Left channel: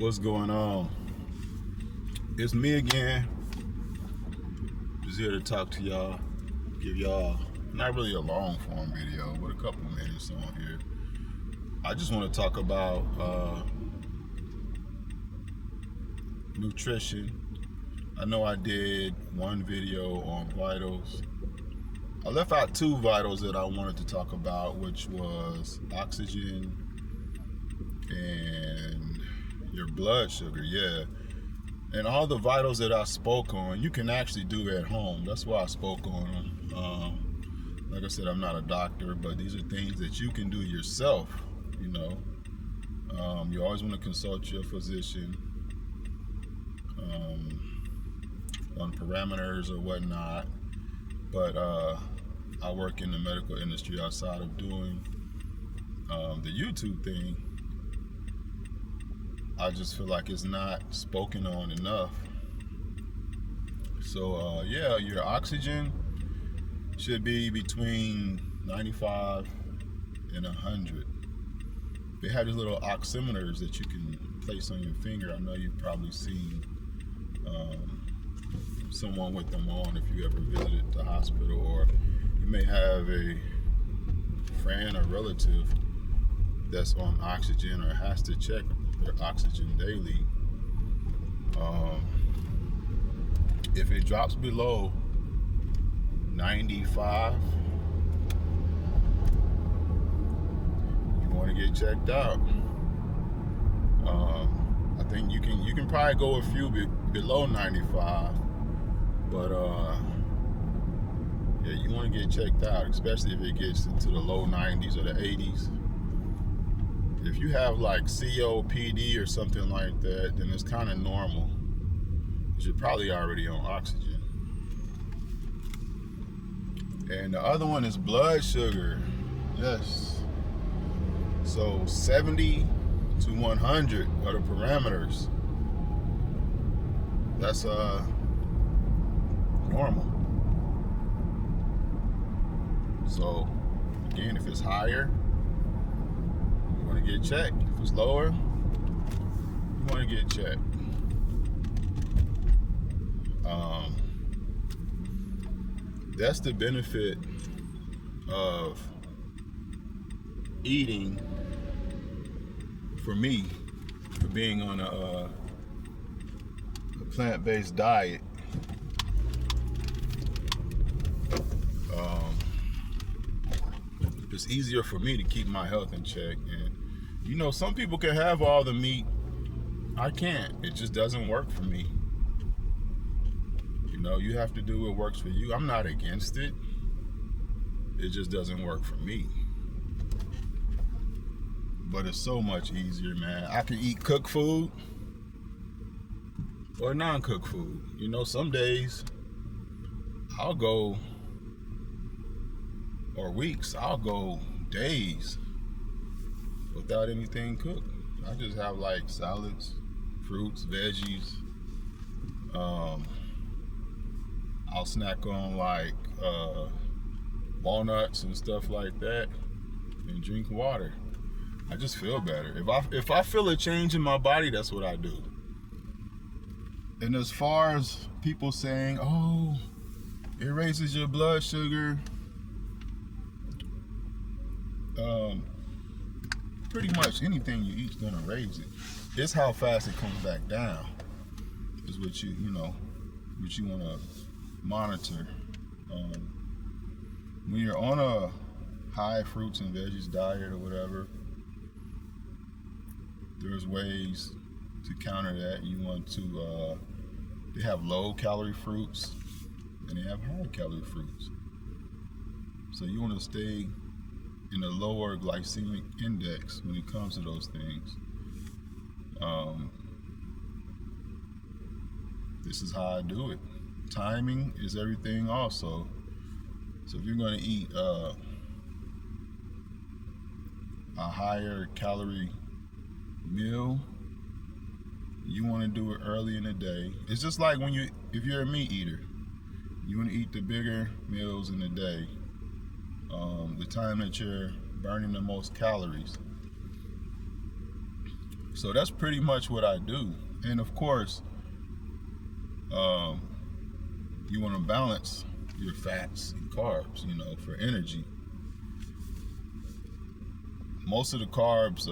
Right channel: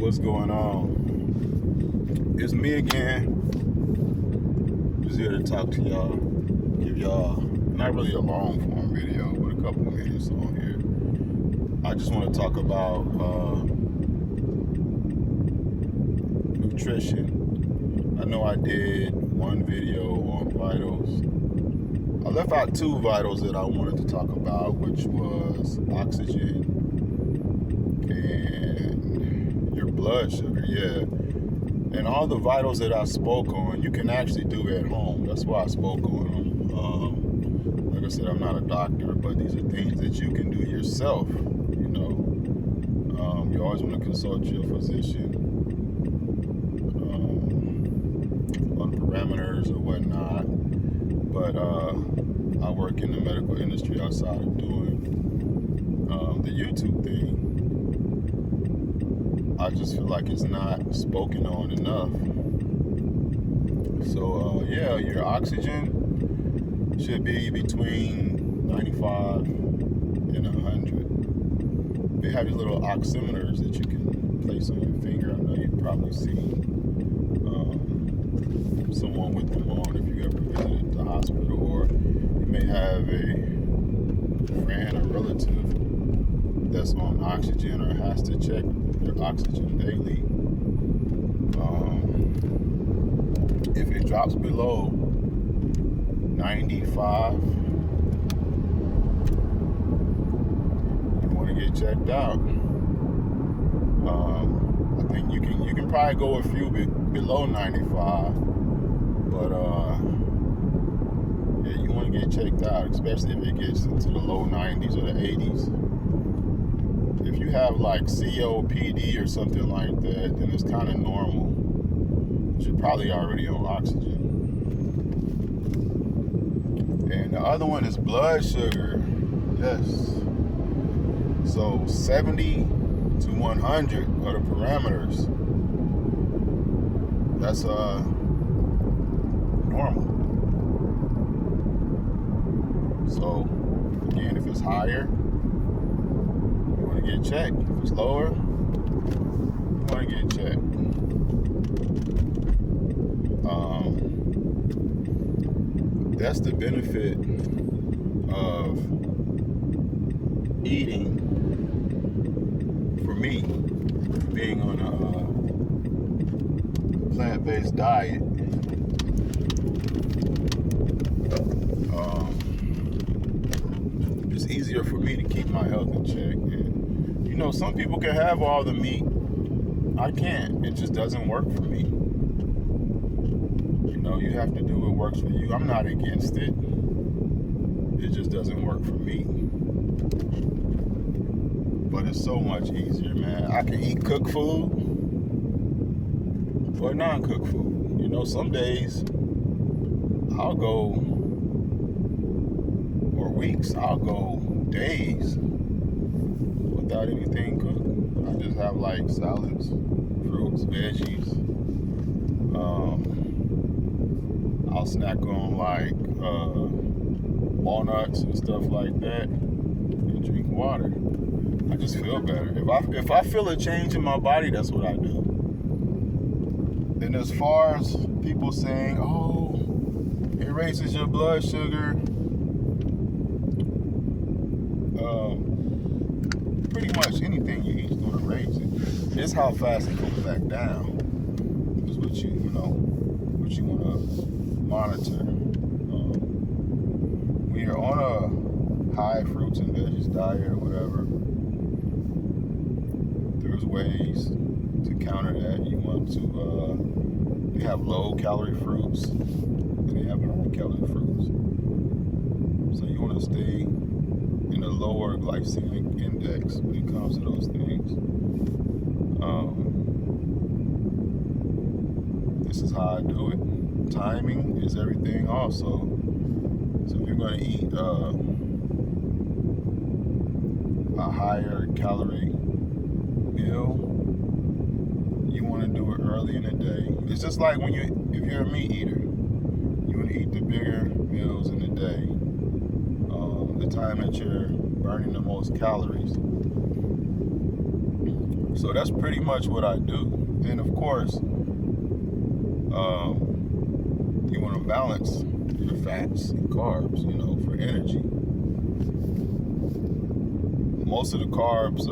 What's going on? It's me again. Just here to talk to y'all. Give y'all not really a long form video, but a couple minutes on here. I just want to talk about nutrition. I know I did one video on vitals. I left out two vitals that I wanted to talk about, which was oxygen and your blood sugar. Yeah. And all the vitals that I spoke on, you can actually do at home. That's why I spoke on them. Like I said, I'm not a doctor, but these are things that you can do yourself. You know, you always want to consult your physician on parameters or whatnot. But I work in the medical industry outside of doing the YouTube thing. I just feel like it's not spoken on enough. So yeah, your oxygen should be between 95 and 100. They have these little oximeters that you can place on your finger. I know you've probably seen someone with them on if you ever visited the hospital, or you may have a friend or relative that's on oxygen or has to check your oxygen daily. If it drops below 95, you want to get checked out. I think you can probably go a few below 95, but yeah, you want to get checked out, especially if it gets into the low 90s or the 80s. If you have like COPD or something like that, then it's kind of normal. You're probably already on oxygen. And the other one is blood sugar. Yes. So 70 to 100 are the parameters. That's normal. So again, if it's higher, you want to get checked. If it's lower, you want to get checked. That's the benefit of eating, for me, being on a plant-based diet. It's easier for me to keep my health in check. And, you know, some people can have all the meat. I can't. It just doesn't work for me. You know, you have to do what works for you. I'm not against it. It just doesn't work for me. But it's so much easier, man. I can eat cooked food or non-cooked food. You know, some days I'll go, or weeks, I'll go days without anything cooked. I just have like salads, fruits, veggies. I'll snack on like walnuts and stuff like that, and drink water. I just feel better. If I feel a change in my body, that's what I do. And as far as people saying, oh, it raises your blood sugar, pretty much anything you eat is going to raise it. It's how fast it comes back down. Is what you want to monitor. When you're on a high fruits and veggies diet or whatever, there's ways to counter that. You want to, they have low calorie fruits and they have high calorie fruits. So you want to stay in a lower glycemic index when it comes to those things. This is how I do it. Timing is everything also. So if you're going to eat a higher calorie meal, you want to do it early in the day. It's just like if you're a meat eater, you want to eat the bigger meals in the day. The time that you're burning the most calories. So that's pretty much what I do. And of course, you want to balance your fats and carbs, for energy. Most of the carbs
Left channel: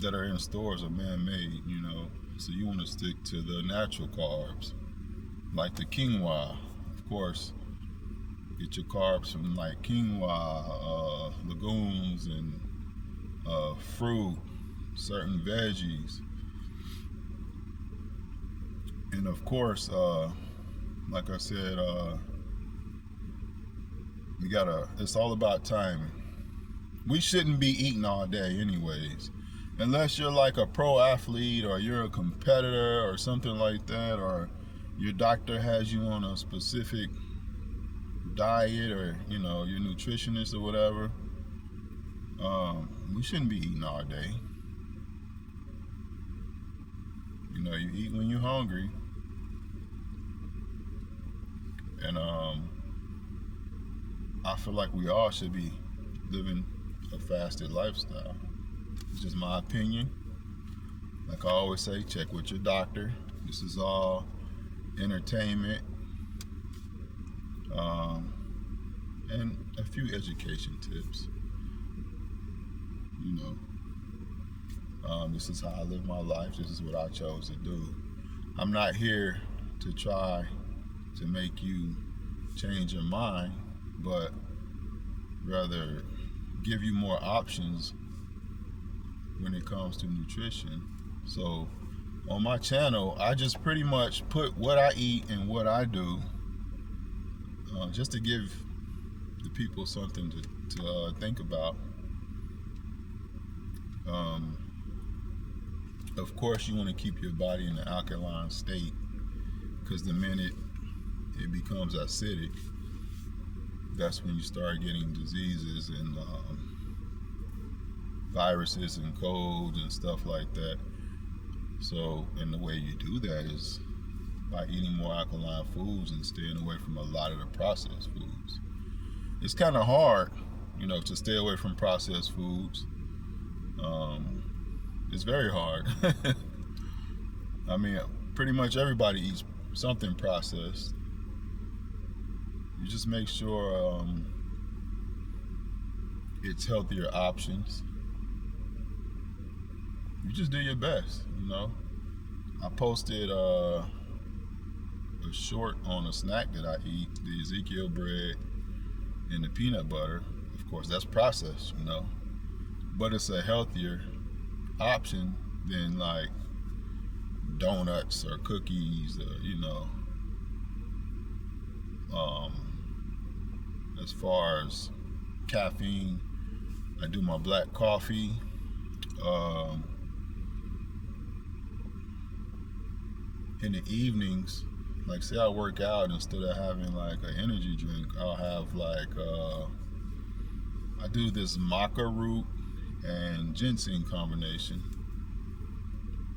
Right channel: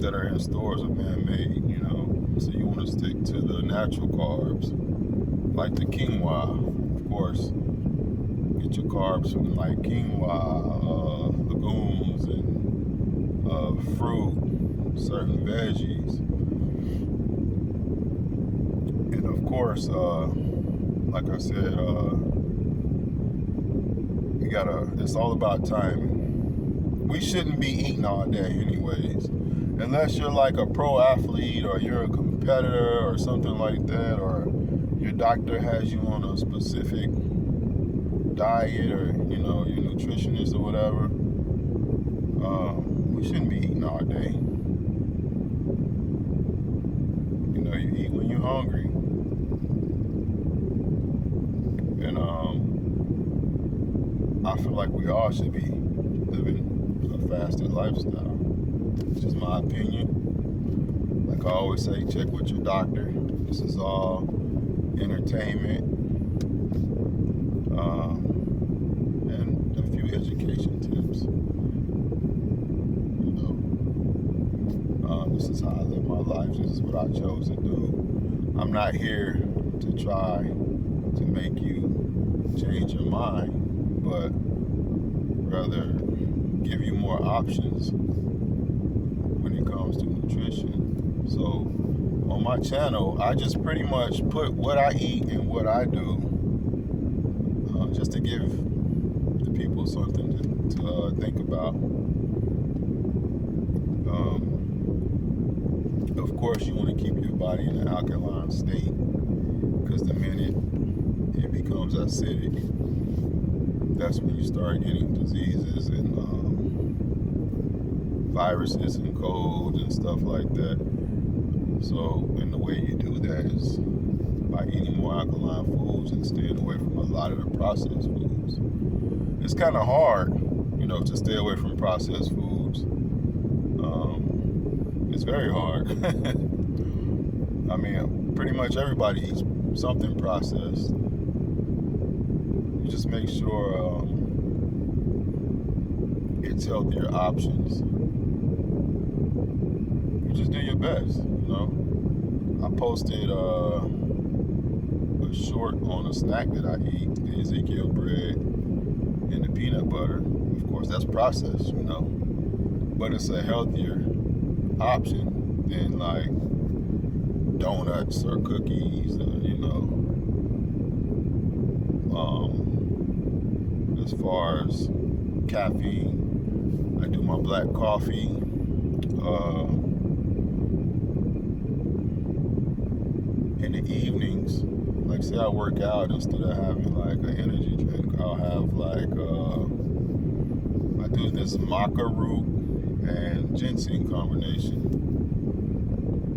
that are in stores are man-made, so you want to stick to the natural carbs, like the quinoa. Of course, get your carbs from like quinoa, legumes, and fruit, certain veggies. And of course, like I said, it's all about timing. We shouldn't be eating all day anyways, unless you're like a pro athlete or you're a competitor or something like that, or your doctor has you on a specific diet, or your nutritionist or whatever. We shouldn't be eating all day. You eat when you're hungry. And I feel like we all should be living a fasted lifestyle. It's just my opinion. Like I always say, check with your doctor. This is all entertainment, and a few education tips. This is how I live my life. This is what I chose to do. I'm not here to try to make you change your mind, but rather give you more options when it comes to nutrition. So on my channel, I just pretty much put what I eat and what I do, just to give the people something to think about. Of course, you want to keep your body in an alkaline state, because the minute it becomes acidic, that's when you start getting diseases and viruses and colds and stuff like that. So, and the way you do that is by eating more alkaline foods and staying away from a lot of the processed foods. It's kind of hard, to stay away from processed foods. It's very hard. I mean, pretty much everybody eats something processed. You just make sure it's healthier options. You just do your best, I posted a short on a snack that I eat, the Ezekiel bread and the peanut butter. Of course, that's processed, but it's a healthier option than like donuts or cookies, or as far as caffeine, I do my black coffee. In the evenings, like say I work out, instead of having like an energy drink, I'll have like I do this maca root and ginseng combination,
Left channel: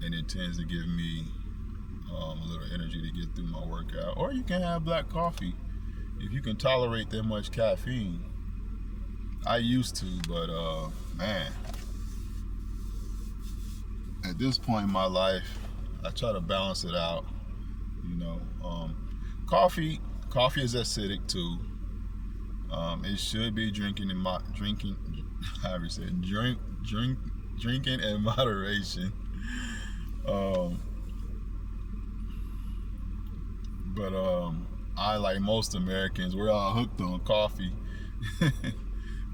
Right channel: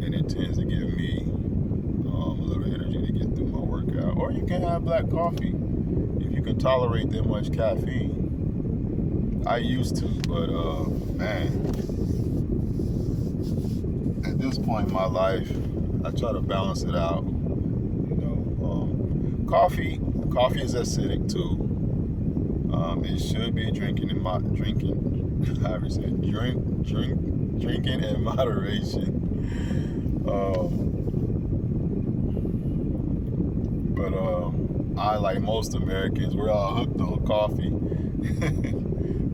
and it tends to give me a little energy to get through my workout. Or you can have black coffee if you can tolerate that much caffeine. I used to, but man, at this point in my life, I try to balance it out. Coffee is acidic too. It should be drinking in moderation. But I, like most Americans, we're all hooked on coffee.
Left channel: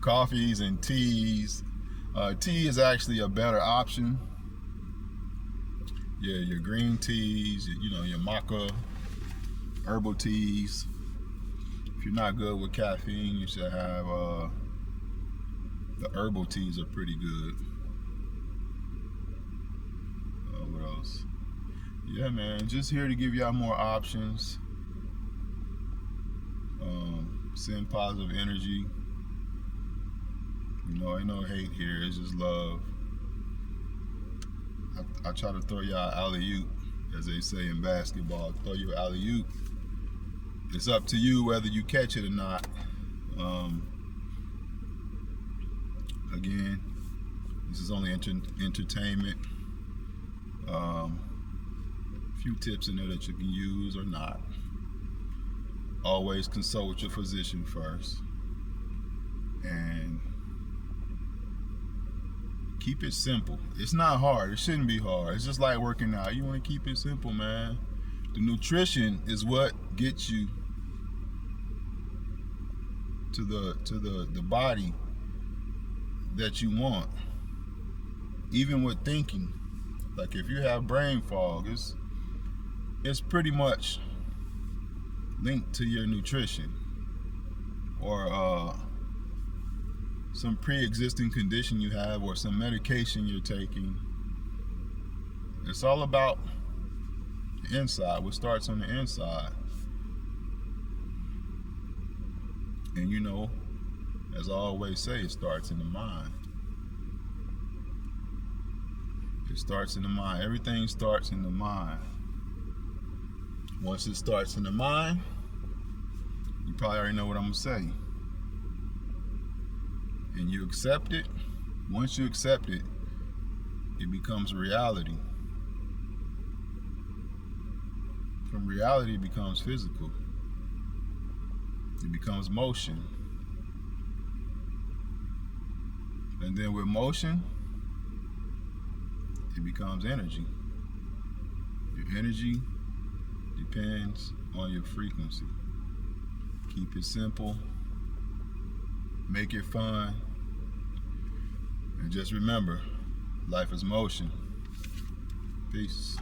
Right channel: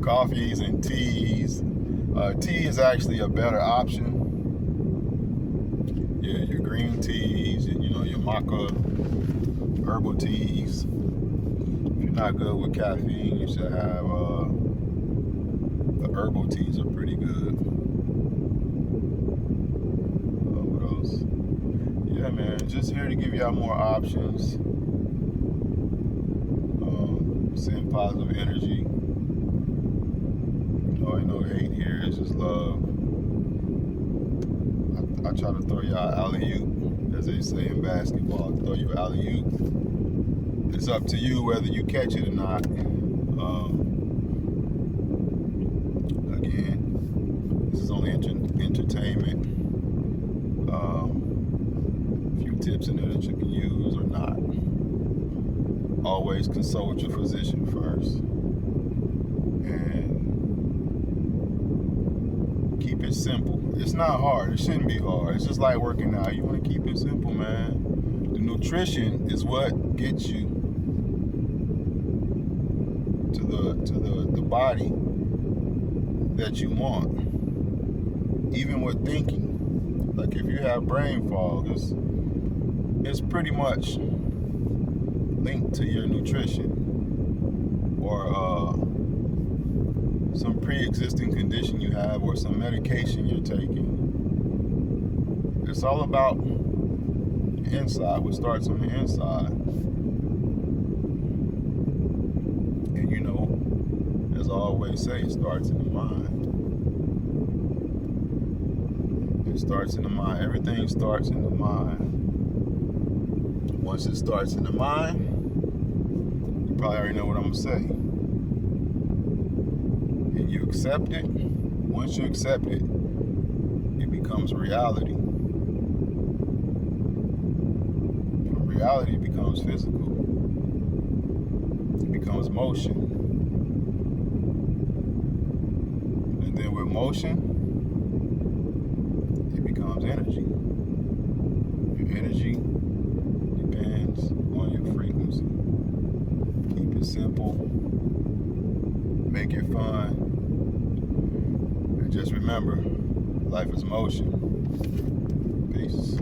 Coffees and teas. Tea is actually a better option. Yeah, your green teas, your maca, herbal teas. If you're not good with caffeine, you should have the herbal teas are pretty good. What else? Yeah, man, just here to give y'all more options. Send positive energy. Ain't no hate here. It's just love. I try to throw y'all alley-oop, as they say in basketball. Throw you alley-oop. It's up to you whether you catch it or not. Again, only entertainment. Few tips in there that you can use or not. Always consult your physician first. And keep it simple. It's not hard. It shouldn't be hard. It's just like working out. You want to keep it simple, man. The nutrition is what gets you to the body that you want. Even with thinking. Like if you have brain fog, it's pretty much linked to your nutrition or some pre-existing condition you have or some medication you're taking. It's all about the inside. What starts on the inside. And you know, as I always say, it starts in the mind. It starts in the mind. Everything starts in the mind. Once it starts in the mind, you probably already know what I'm going to say. And you accept it. Once you accept it, it becomes reality. From reality, it becomes physical. It becomes motion. And then with motion, it becomes energy. Your energy depends on your frequency. Keep it simple. Make it fun. And just remember, life is motion. Peace.